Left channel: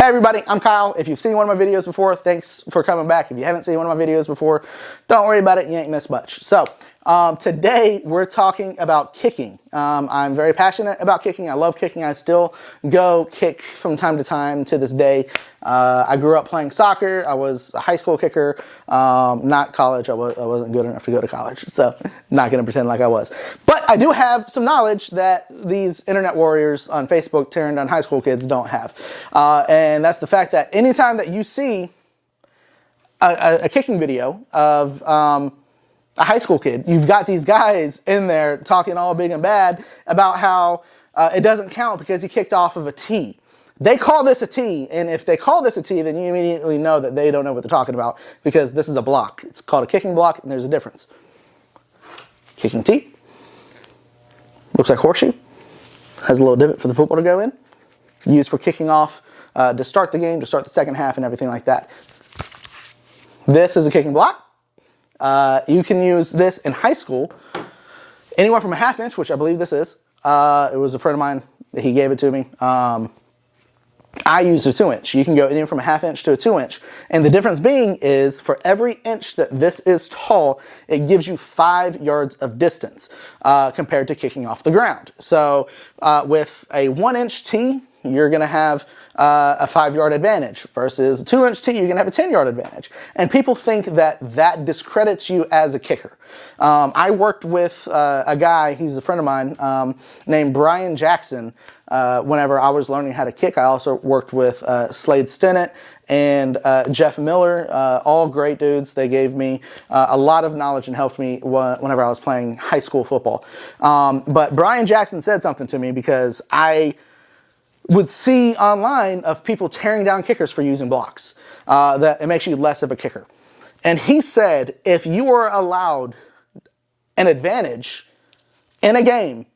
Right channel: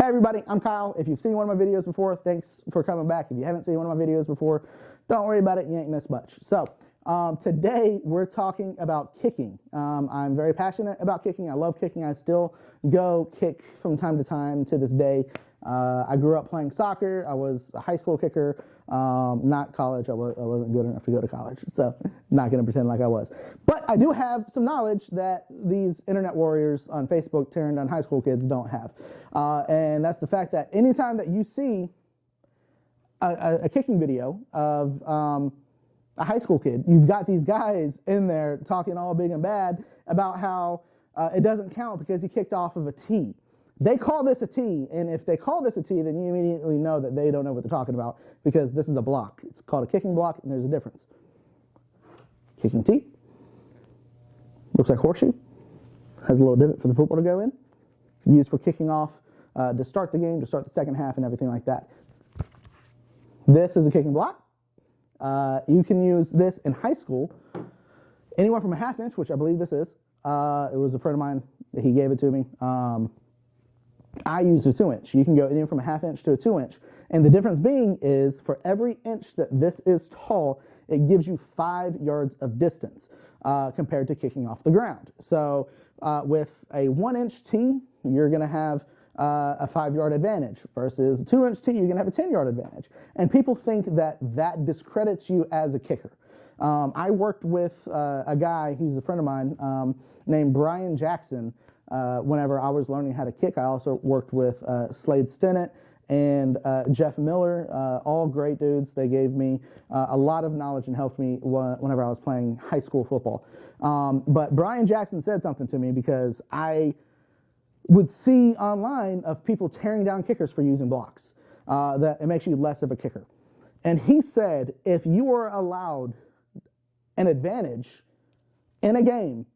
Hey everybody, I'm Kyle. If you've seen one of my videos before, thanks for coming back. If you haven't seen one of my videos before, don't worry about it, you ain't missed much. So, today we're talking about kicking. I'm very passionate about kicking. I love kicking. I still go kick from time to time to this day. I grew up playing soccer. I was a high school kicker, not college. I wasn't good enough to go to college, so not going to pretend like I was. But I do have some knowledge that these internet warriors on Facebook tearing down high school kids don't have. And that's the fact that anytime that you see a kicking video of a high school kid, you've got these guys in there talking all big and bad about how it doesn't count because he kicked off of a tee. They call this a tee, and if they call this a tee, then you immediately know that they don't know what they're talking about because this is a block. It's called a kicking block, and there's a difference. Kicking tee. Looks like horseshoe. Has a little divot for the football to go in. Used for kicking off to start the game, to start the second half, and everything like that. This is a kicking block. You can use this in high school, anywhere from a ½ inch, which I believe this is. It was a friend of mine, he gave it to me. I used a 2 inch. You can go anywhere from a ½ inch to a 2 inch. And the difference being is for every inch that this is tall, it gives you 5 yards of distance compared to kicking off the ground. So with a 1 inch tee, you're going to have a 5-yard advantage versus a 2 inch tee, you're going to have a 10-yard advantage. And people think that that discredits you as a kicker. I worked with a guy, he's a friend of mine, named Brian Jackson. Whenever I was learning how to kick, I also worked with Slade Stinnett and Jeff Miller, all great dudes. They gave me a lot of knowledge and helped me whenever I was playing high school football. But Brian Jackson said something to me because I would see online of people tearing down kickers for using blocks, that it makes you less of a kicker. And he said, if you are allowed an advantage in a game,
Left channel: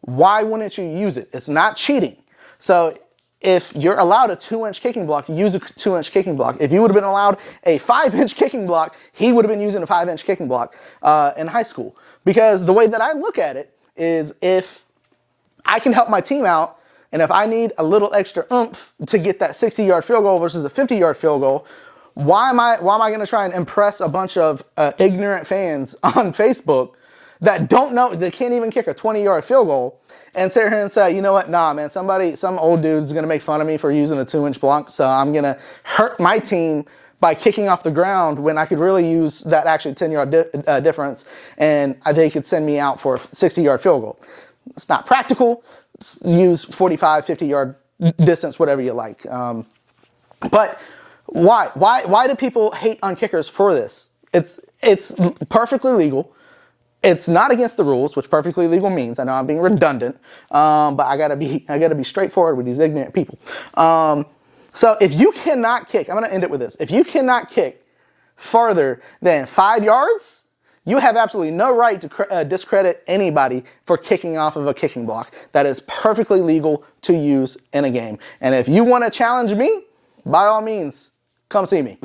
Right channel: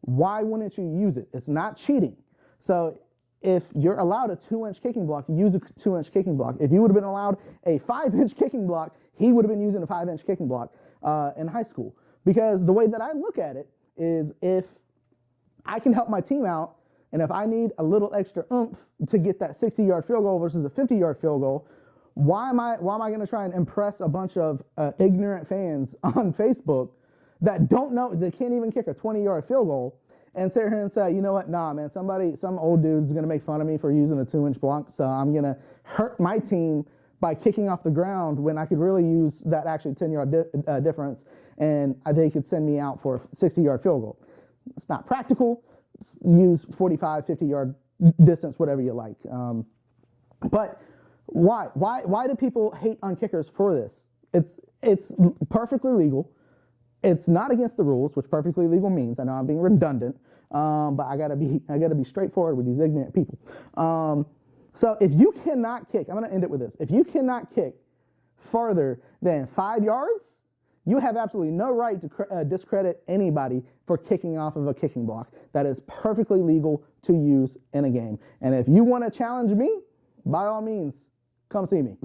why wouldn't you use it? It's not cheating. So if you're allowed a 2 inch kicking block, use a 2 inch kicking block. If you would have been allowed a 5 inch kicking block, he would have been using a 5 inch kicking block in high school. Because the way that I look at it is if I can help my team out, and if I need a little extra oomph to get that 60-yard field goal versus a 50-yard field goal, why am I going to try and impress a bunch of ignorant fans on Facebook that don't know, they can't even kick a 20-yard field goal, and sit here and say, you know what, nah, man, some old dude's going to make fun of me for using a 2 inch block, so I'm going to hurt my team by kicking off the ground when I could really use that actually 10-yard difference, and they could send me out for a 60-yard field goal. It's not practical. Use 45, 50-yard distance, whatever you like. But why? Why do people hate on kickers for this? It's perfectly legal. It's not against the rules, which perfectly legal means. I know I'm being redundant, but I gotta be straightforward with these ignorant people. So if you cannot kick, I'm gonna end it with this. If you cannot kick farther than 5 yards, you have absolutely no right to discredit anybody for kicking off of a kicking block. That is perfectly legal to use in a game. And if you want to challenge me, by all means, come see me.